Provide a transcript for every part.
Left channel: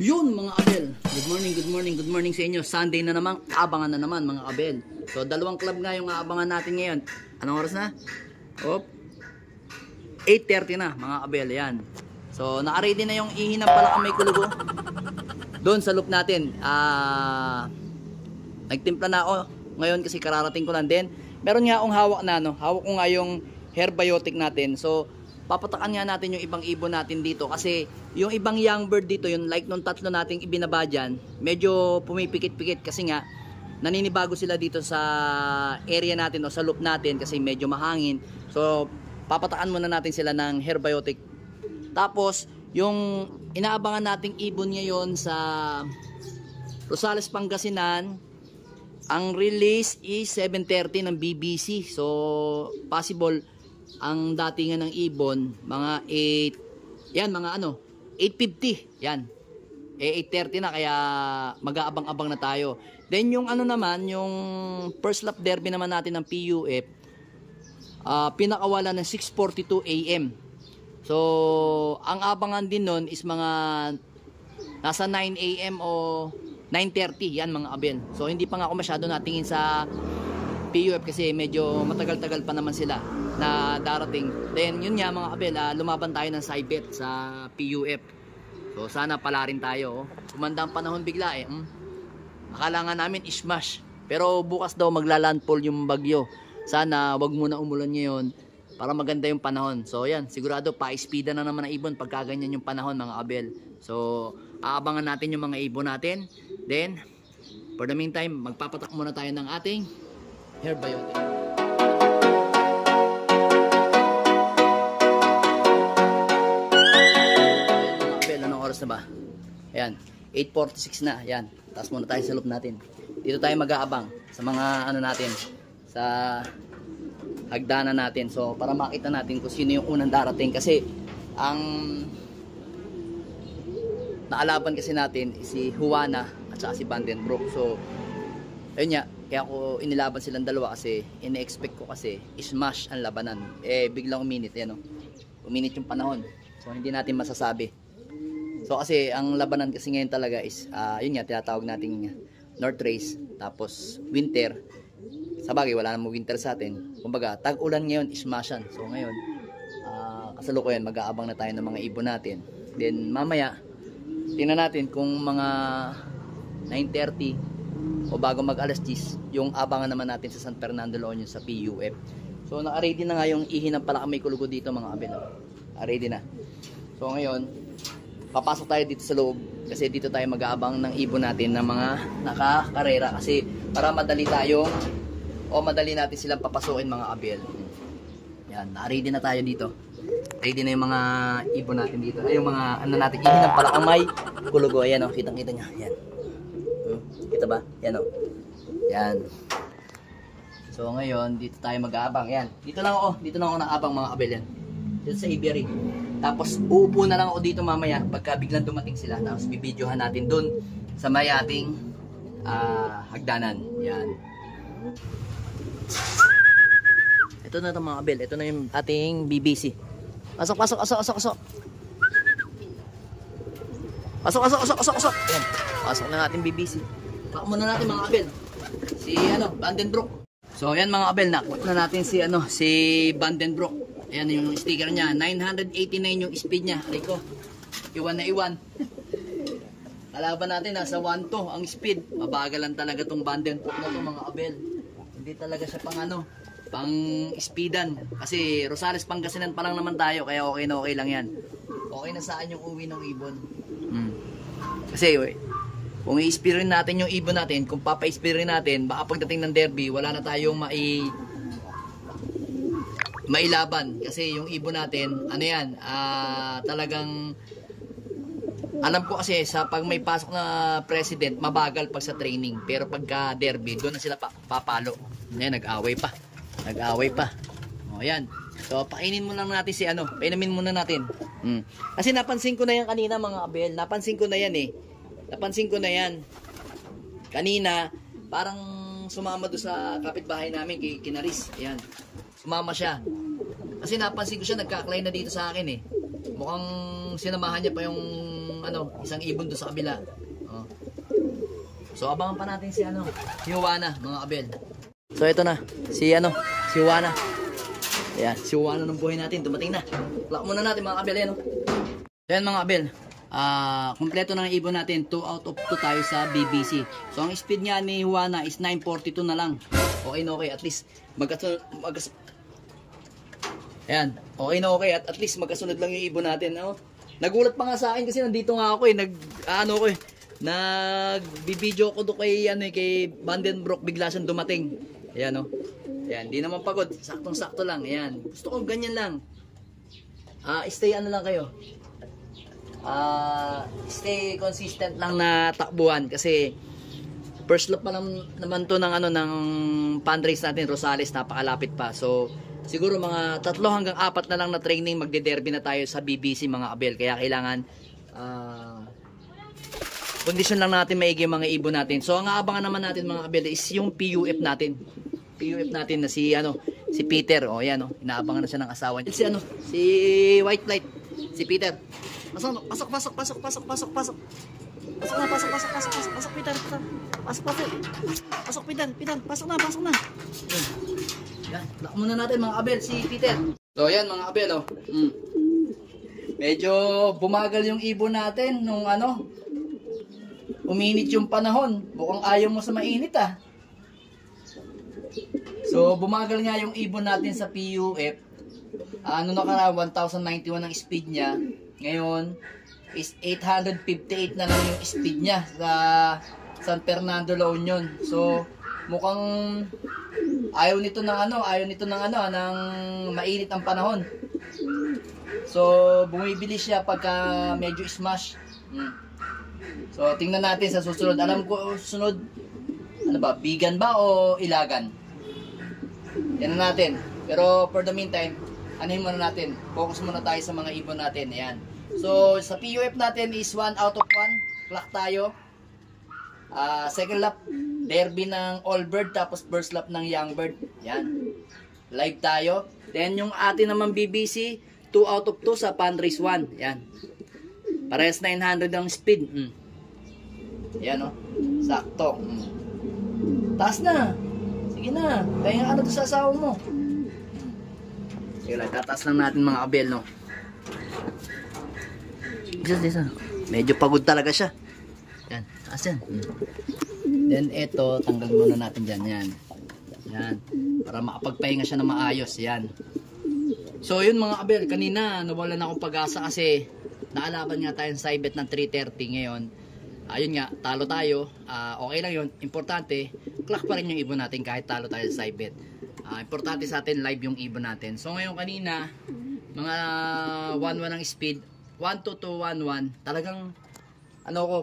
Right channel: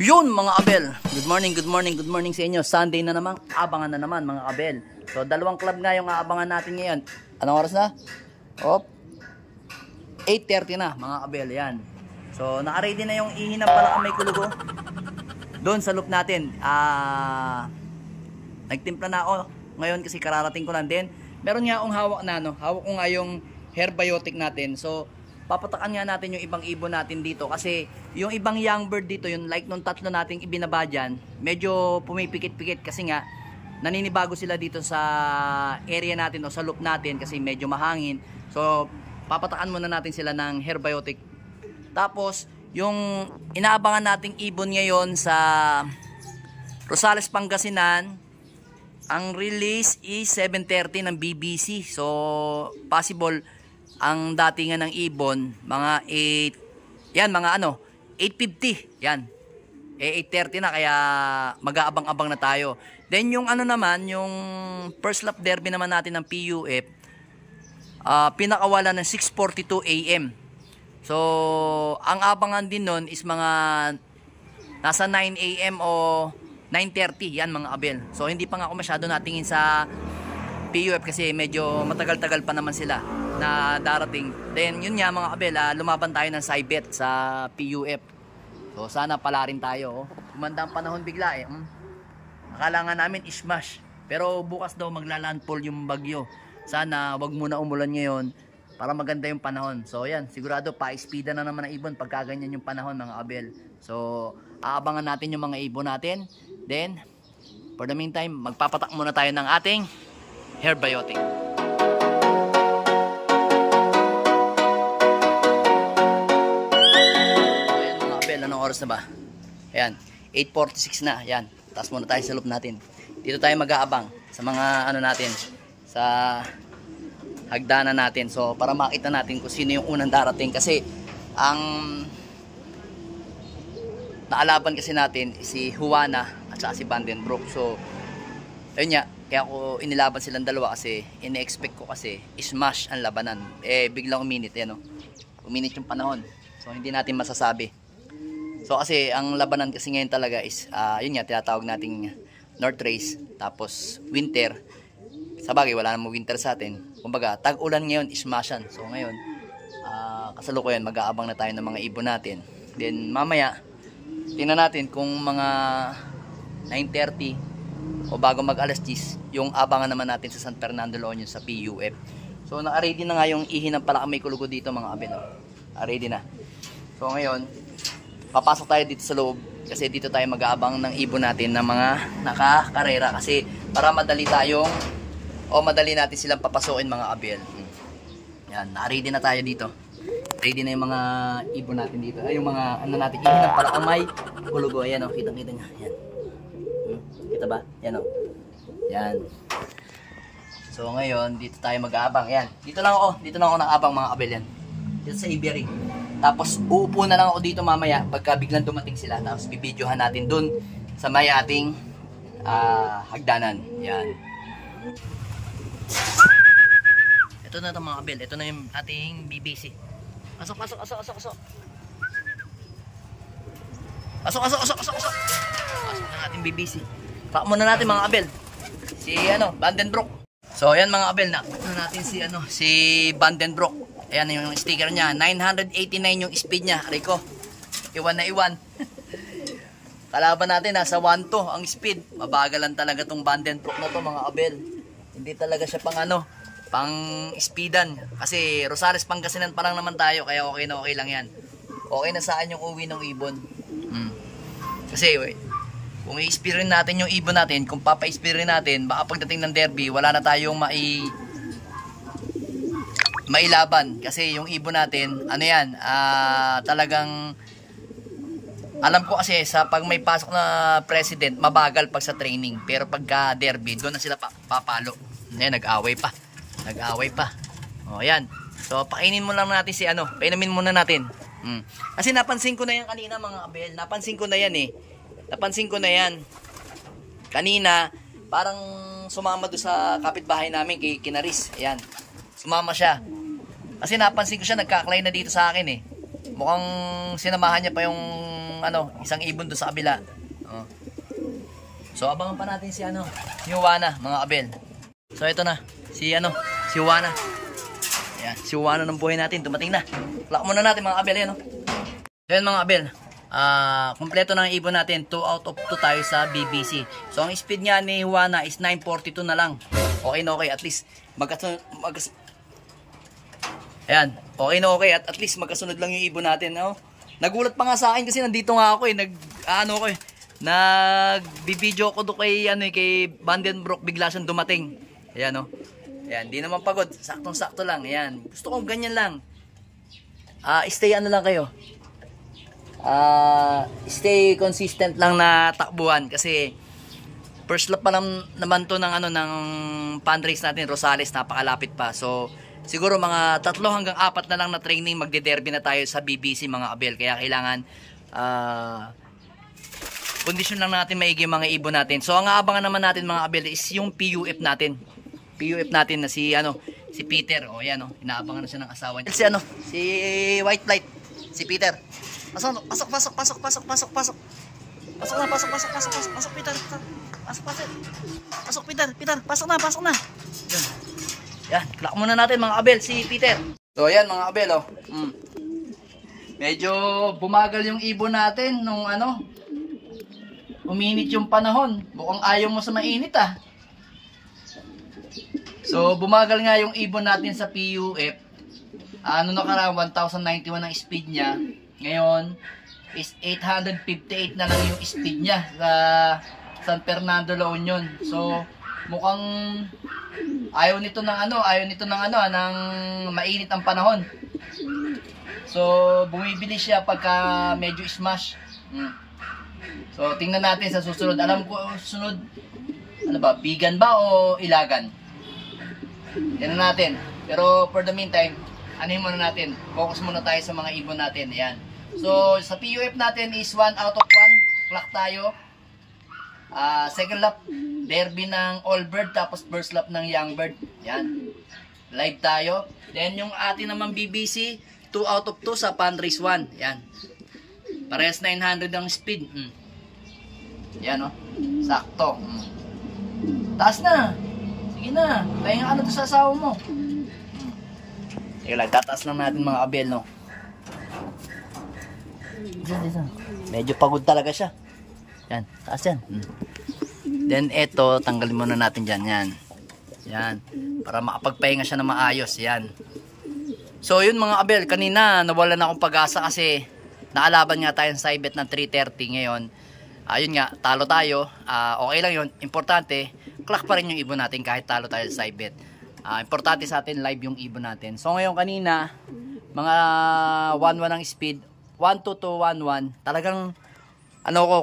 Yun mga abel, good morning sa inyo. Sunday na naman, abangan na naman mga abel. So dalawang club nga yung aabangan natin ngayon. Anong oras na? 8:30 na mga abel, yan. So naka-ready na yung ihi ng Palakamay Kulugo doon sa loop natin. Nagtimpla na ako ngayon kasi kararating ko lang din. Meron nga akong hawak na, hawak ko nga yung Herbiotic natin. So papatakan nga natin yung ibang ibon natin dito kasi yung ibang young bird dito, yung like nung tatlo nating ibinaba dyan, medyo pumipikit-pikit kasi nga naninibago sila dito sa area natin o sa loop natin kasi medyo mahangin. So papatakan muna natin sila ng Herbiotic. Tapos yung inaabangan nating ibon ngayon sa Rosales, Pangasinan, ang release is 7:30 ng BBC. So possible ang datingan ng ibon mga 8, yan mga 8:50, yan 8:30 na, kaya mag-aabang-abang na tayo. Then yung naman, yung first lap derby naman natin ng PUF, pinakawala ng 6:42 AM. So ang abangan din nun is mga nasa 9 AM o 9:30, yan mga abel. So hindi pa nga ako masyado natingin sa PUF kasi medyo matagal-tagal pa naman sila na darating. Then yun nga mga abel, lumaban tayo ng Saibet sa PUF. So sana pala rin tayo. Kumanda ang panahon bigla Akala nga namin ismash, pero bukas daw maglalandfall yung bagyo. Sana wag muna umulan ngayon para maganda yung panahon. So yan, sigurado pa-speeda na naman ang ibon pagka ganyan yung panahon mga abel. So aabangan natin yung mga ibon natin. Then for the meantime, magpapatak muna tayo ng ating Herbiotic. Anong oras na ba? Ayan, 8:46 na. Ayan, taas muna tayo sa loop natin. Dito tayo mag-aabang sa mga natin, sa hagdanan natin. So para makita natin kung sino yung unang darating kasi ang naalaban kasi natin si Juana at saka si Vandenbroek. So ayun nga, kaya ako inilaban silang dalawa kasi ine-expect ko kasi smash ang labanan. Biglang uminit, uminit yung panahon. So hindi natin masasabi. So kasi ang labanan kasi ngayon talaga is yun nga, tinatawag nating North Race, tapos winter. Sa bagay wala namang winter sa atin. Kumbaga tag-ulan ngayon, ismasyan. So ngayon kasalukuyan mag-aabang na tayo ng mga ibon natin. Then mamaya tingnan natin kung mga 9:30 o bago mag alas 10 yung abangan naman natin sa San Fernando, La Union sa PUF. So naka-ready na nga yung ihi ng Palakamay Kulugo dito mga abel. Ready na. So ngayon papasok tayo dito sa loob kasi dito tayo mag-aabang ng ibon natin ng mga nakakarera kasi para madali tayong madali natin silang papasukin mga abel. Yan, na-ready na tayo dito. Ready na yung mga ibon natin dito. Ay yung mga natin, ibon ng Palakamay Kulugo. Ayan kitang-kita nyo. Yan. Kita ba? Yan Yan. So ngayon, dito tayo mag-aabang. Yan. Dito lang ako nang-abang mga abel yan. Dito sa aviary. Tapos uupo na lang ako dito mamaya pagka biglang dumating sila. Tapos bibidyohan natin dun sa may ating hagdanan. Yan. Ito na ito mga abel. Ito na yung ating BBC. Pasok. Pasok na ating BBC. Pak muna natin mga abel. Si Vandenbroek. So ayan mga abel, nakot na natin si Vandenbroek. Ayan yung sticker niya, 989 yung speed niya. Rico, iwan na iwan. Kalaban natin, nasa 1 to ang speed. Mabagal talaga tong Vandenbroek na to mga abel. Hindi talaga siya pang speedan. Kasi Rosales, Pangasinan pa lang naman tayo, kaya okay lang yan. Okay na saan yung uwi ng ibon. Kasi kung i-speed rin natin yung ibon natin, kung papa-speed rin natin, baka pagdating ng derby, wala na tayong mailaban kasi yung ibon natin talagang alam ko kasi sa pag may pasok na president mabagal pag sa training, pero pagka derby doon na sila papalo. Nag-away pa yan. So painin mo lang natin painumin muna natin kasi napansin ko na yan kanina mga abel, napansin ko na yan kanina, parang sumama doon sa kapitbahay namin kay Kinaris. Ayan, sumama siya kasi napansin ko siya nagkaklay na dito sa akin Mukhang sinamahan niya pa yung ano, isang ibon doon sa kabila. Oh. So abangan pa natin si ano, si Juana, mga abel. So ito na, si ano, si Juana. Ayan, si Juana ng buhay natin, dumating na. Lock muna natin mga abel, yan oh. So yan mga abel, kompleto na ang ibon natin, 2 out of 2 tayo sa BBC. So ang speed niya ni Juana is 942 na lang. Okay na okay, at least ayan, okay na okay, at least magkasunod lang yung ibon natin, no? Nagulat pa nga sa akin kasi nandito nga ako nag-video ko do kay kay Vandenbroek, bigla siyang dumating. Ayan oh. Ayan, di naman pagod, saktong-sakto lang. Ayan. Gusto ko ganyan lang. Stay ano lang kayo. Stay consistent lang na takbuhan kasi first lap pa naman to ng ng fundraise natin, Rosales, napakalapit pa. So siguro mga 3 hanggang 4 na lang na training, magde-derby na tayo sa BBC mga abel. Kaya kailangan kondisyon lang natin maigi mga ibon natin. So ang aabangan naman natin mga abel is yung PUF natin. PUF natin na si Peter. O yan oh, inaabangan na siya ng asawa niya. Si White Flight, si Peter. Pasok Peter. Pasok Peter. Pasok na. Yun. Yan, lock muna natin mga abel si Peter. So yan mga abel oh. Medyo bumagal yung ibon natin nung uminit yung panahon. Mukhang ayaw mo sa mainit ah. So bumagal nga yung ibon natin sa PUF. Nakaraan 1091 ang speed niya. Ngayon is 858 na lang yung speed niya sa San Fernando, La Union. So mukhang ayaw nito ng ng mainit ang panahon. So bumibili siya pagka medyo smash. So tingnan natin sa susunod. Alam ko susunod bigan ba o ilagan? Yan natin. Pero for the meantime, muna natin. Focus muna tayo sa mga ibon natin. Ayan. So sa PUF natin is 1 out of 1. Clock tayo. Second lap derby ng All Bird, tapos first lap ng Young Bird. Yan. Live tayo. Then yung atin naman BBC, 2 out of 2 sa Fundraise 1. Yan. Parehas 900 ang speed. Yan oh. Sakto. Taas na. Sige na. Pahinga ka na to sa asawa mo. Sige lang, tataas lang natin mga abel, no. Medyo pagod talaga siya. Yan, taas yan. Then eto, tanggalin muna natin dyan. Yan. Para makapagpahinga siya na maayos. Yan. So yun mga abel, kanina nawalan na akong pag-asa kasi naalaban nga tayo sa ibet ng 330 ngayon. Ayun nga, talo tayo. Okay lang yun. Importante, clock pa rin yung ibon natin kahit talo tayo sa ibet. Importante sa atin live yung ibon natin. So ngayon kanina, mga 1-1 ang speed, 1-2-1-1. Talagang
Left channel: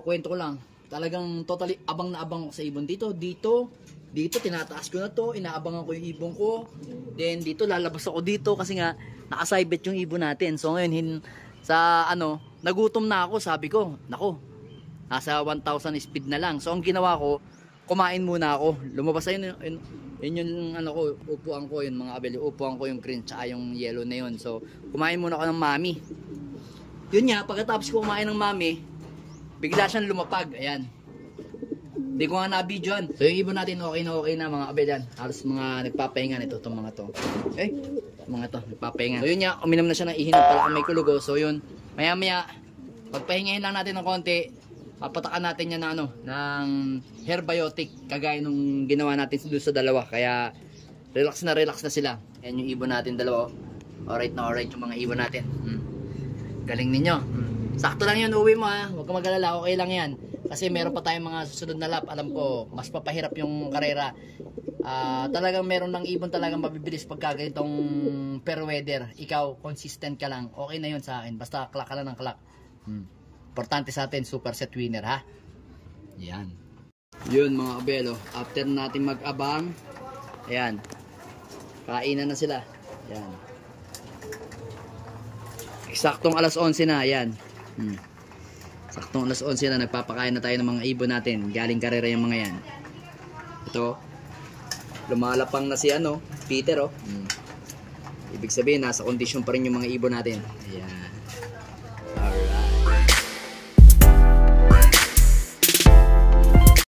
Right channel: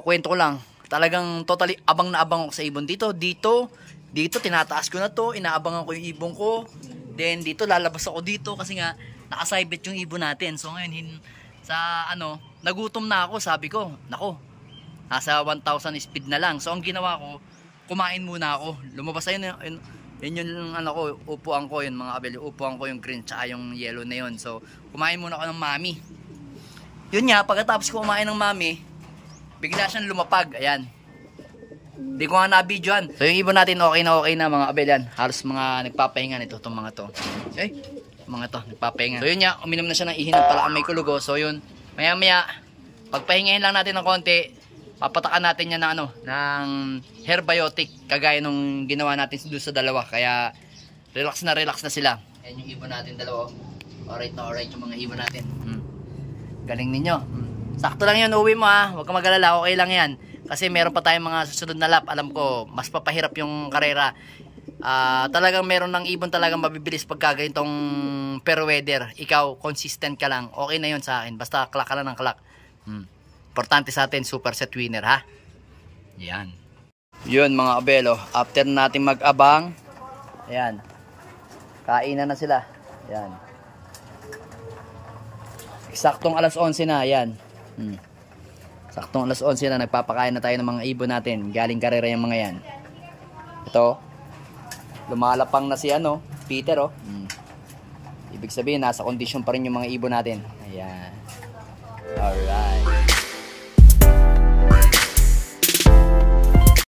kwento ko lang. Talagang totally abang na abang ako sa ibon dito. Dito tinataas ko na to, inaabangan ko yung ibon ko. Then dito lalabas ako dito kasi nga naka-side-bet yung ibon natin. So ngayon nagutom na ako, sabi ko, nako. Nasa 1,000 speed na lang. So ang ginawa ko, kumain muna ako. Lumabas ayun yung upuan ko, yun mga abel, upuan ko yung green tsaka yung yellow na yun. So kumain muna ako ng mami. Yun nga, pagkatapos ko kumain ng mami, bigla siyang lumapag. Ayan. Hindi ko nga na-videoan. So yung ibon natin okay na mga abel yan. Halos mga nagpapahinga nito itong mga to. Mga to, nagpapahinga. So yun nga, uminom na siya ng ihi ng palakamay kulugo. So yun, maya pagpahingahin lang natin ng konti, papatakan natin yan ng herbiotic kagaya nung ginawa natin doon sa dalawa. Kaya relax na sila. Yan yung ibon natin dalawa. Alright yung mga ibon natin. Galing ninyo. Sakto lang yun, uwi mo ha. Huwag kang mag-alala, okay lang yan. Kasi meron pa tayong mga susunod na lap. Alam ko, mas papahirap yung karera. Talagang meron ng ibon talagang mabibilis pagka ganitong fair weather. Ikaw, consistent ka lang. Okay na yun sa akin. Basta clock ka lang ng clock. Importante sa atin, super set winner ha. Yan. Yun mga abelo. After natin mag-abang, ayan. Kainan na sila. Ayan. Eksaktong alas 11 na. Ayan. Saktong alas 11 na. Nagpapakain na tayo ng mga ibon natin. Galing karera yung mga yan. Ito. Lumalapang na si Peter oh. Ibig sabihin, nasa kondisyon pa rin yung mga ibon natin. Ayan. Alright.